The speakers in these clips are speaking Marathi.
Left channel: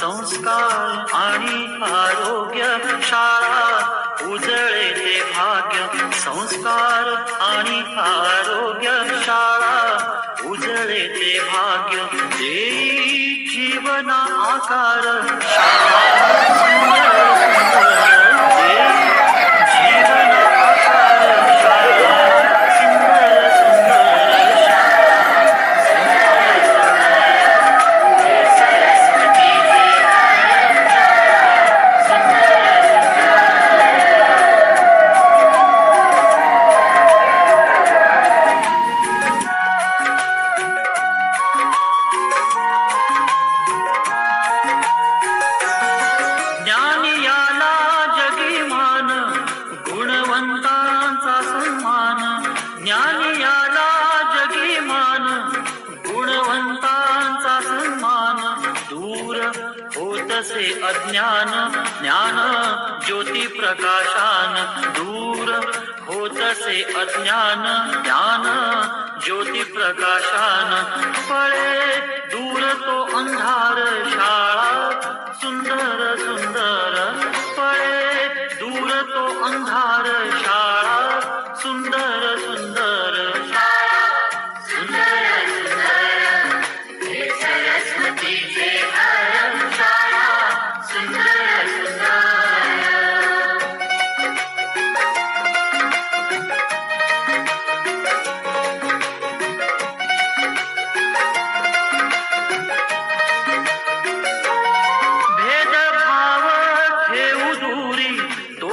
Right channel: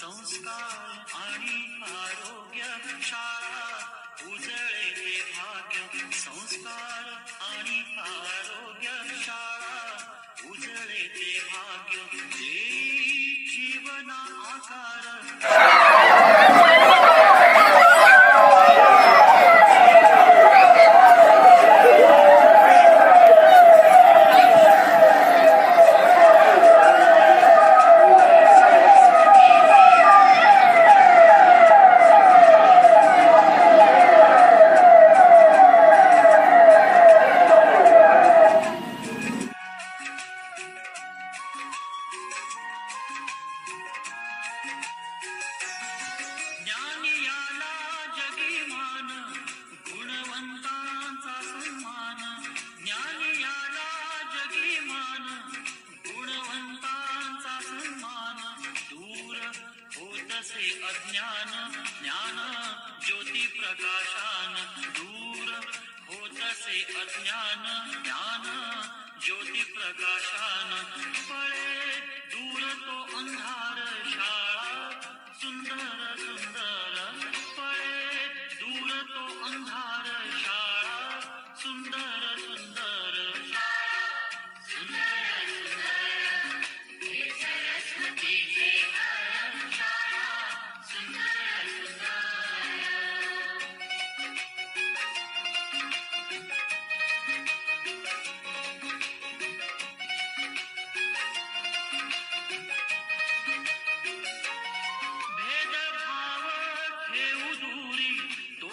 संस्कार आणि आरोग्य शाळा उजळे ते भाग्य. संस्कार आणि आरोग्य शाळा उजळे ते भाग्य. देई जीवना आकार तसे अज्ञान ज्ञान ज्योती प्रकाशान दूर होतसे अज्ञान ज्ञान ज्योती प्रकाशान पळे.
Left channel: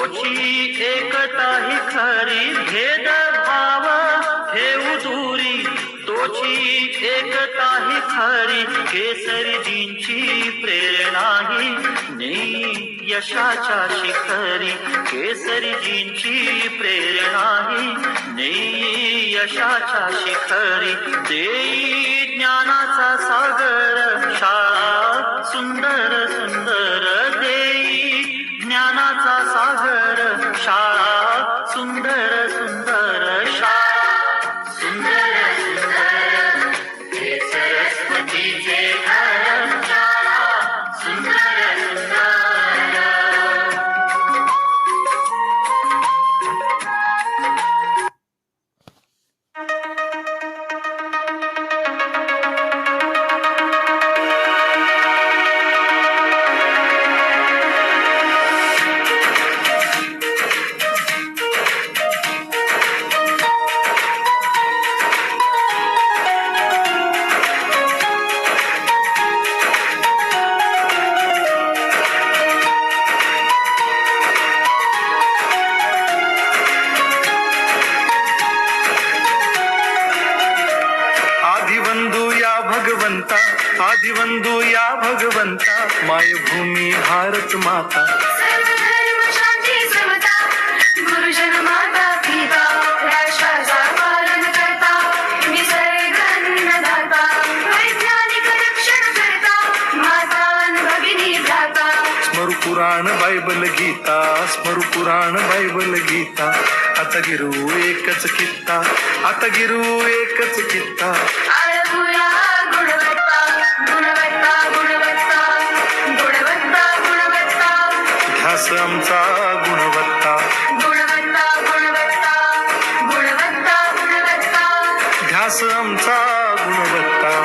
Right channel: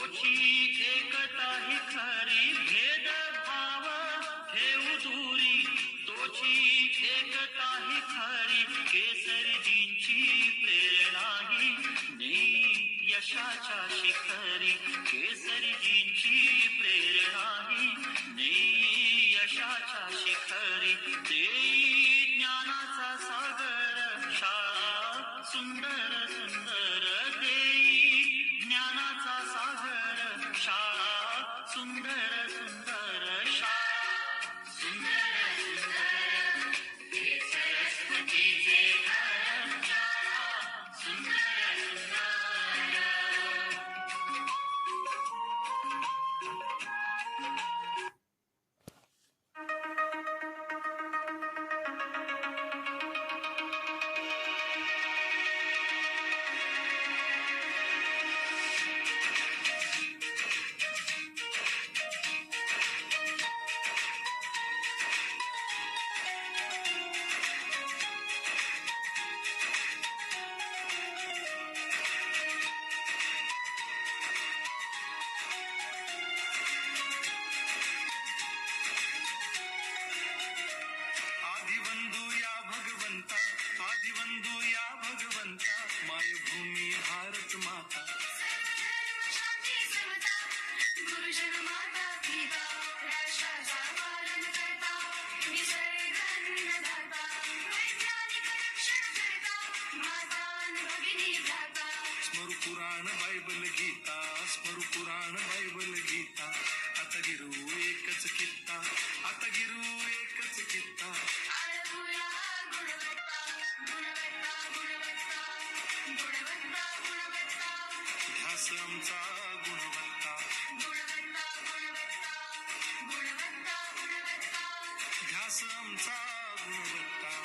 मोठी एकता ही खरी भेद भाव हे दूरी तोची एकता ही खरी. केसरीजींची प्रेरणा ही नेई यशाच्या शिखरी. केसरीजींची प्रेरणा ही नेई यशाच्या शिखरी. देई ज्ञानाचा सागर भ्राता स्मरु पुराण बायबल गीता स्मरु पुराण बायबल गीता। आता गिरू एकच कित्ता आता गिरू एकच कित्ता। आमचा गुणवत्ता. गुणवत्ता गुणवत्ता गुणवत्ता गुणवत्ता. ध्यास आमचा गुणवत्ता.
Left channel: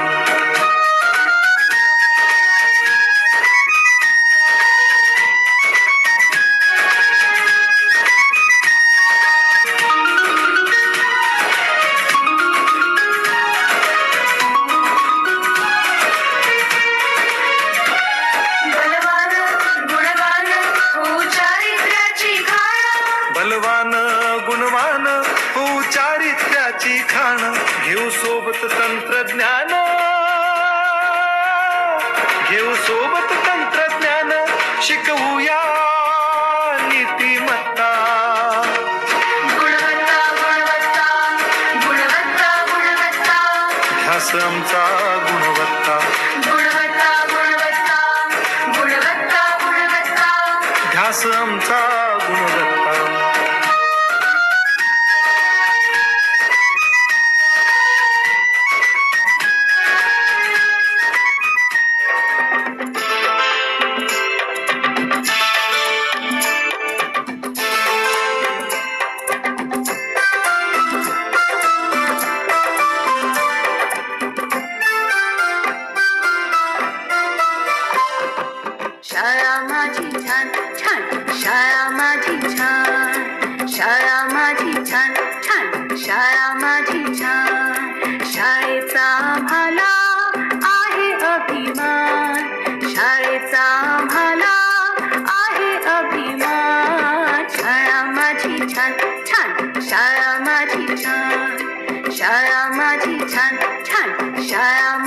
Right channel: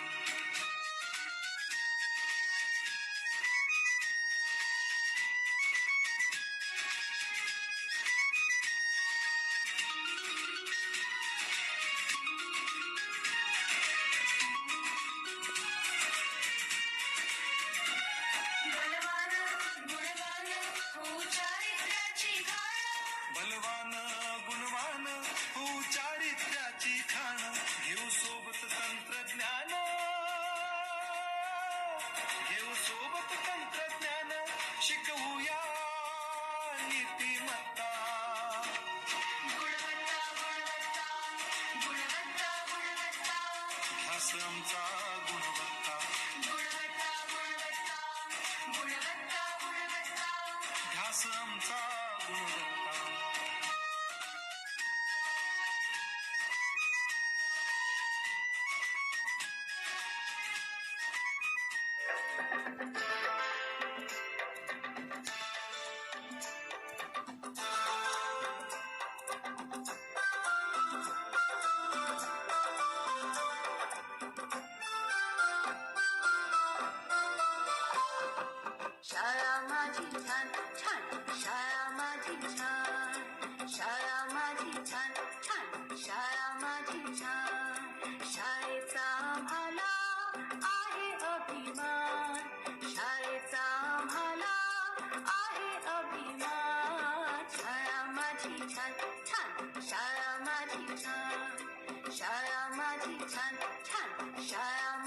घेऊ सोबत तंत्रज्ञान. शिकवूया नीतिमत्ता गुणवत्ता गुणवत्ता गुणवत्ता गुणवत्ता. ध्यास आमचा गुणवत्ता. गुणवत्ता गुणवत्ता गुणवत्ता गुणवत्ता. ध्यास आमचा गुणवत्ता. छान शाळा माझी छान छान शाळा माझी छान शाळेचा आम्हाला आहे अभिमान शाळेचा आम्हाला आहे अभिमान शाळा माझी छान छान शाळा माझी छान शाळा माझी छान छान शाळा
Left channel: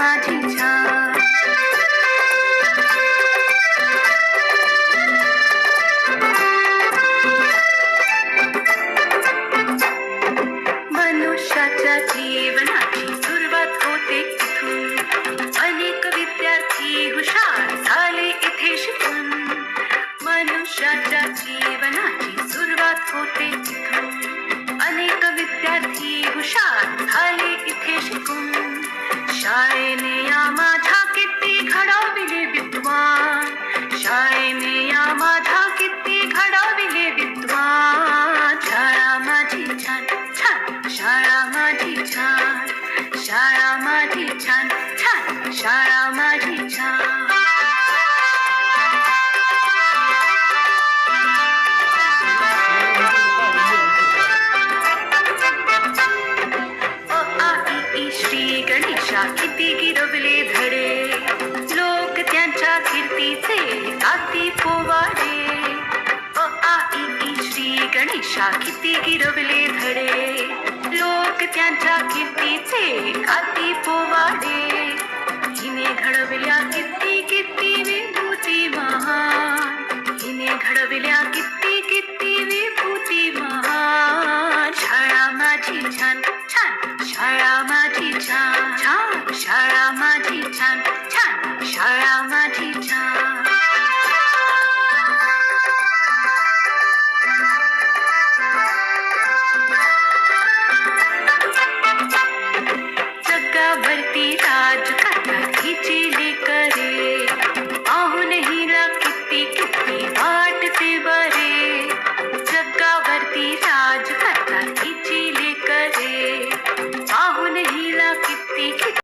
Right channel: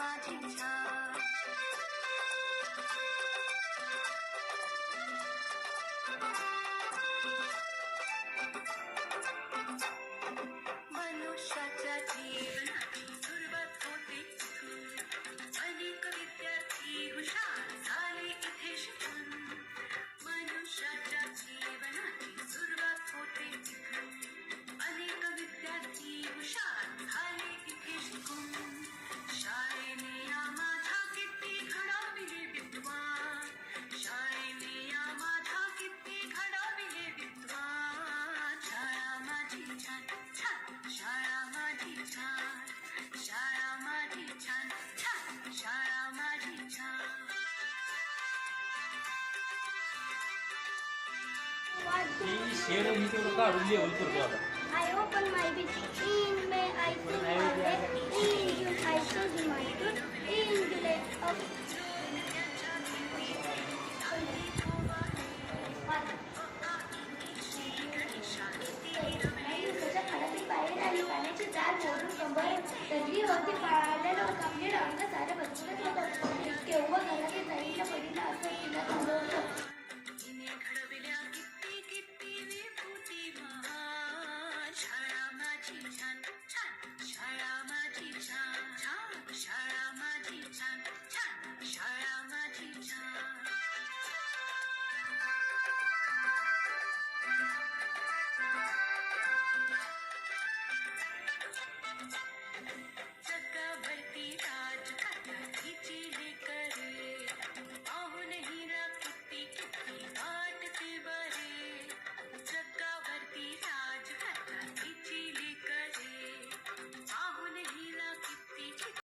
शाखिती गिरवले धडे लोक त्यांच्या किर्तीचे अति पोवाडे हिने घडविल्या किती किती मेंदूची महान हिने घडविल्या किती Happy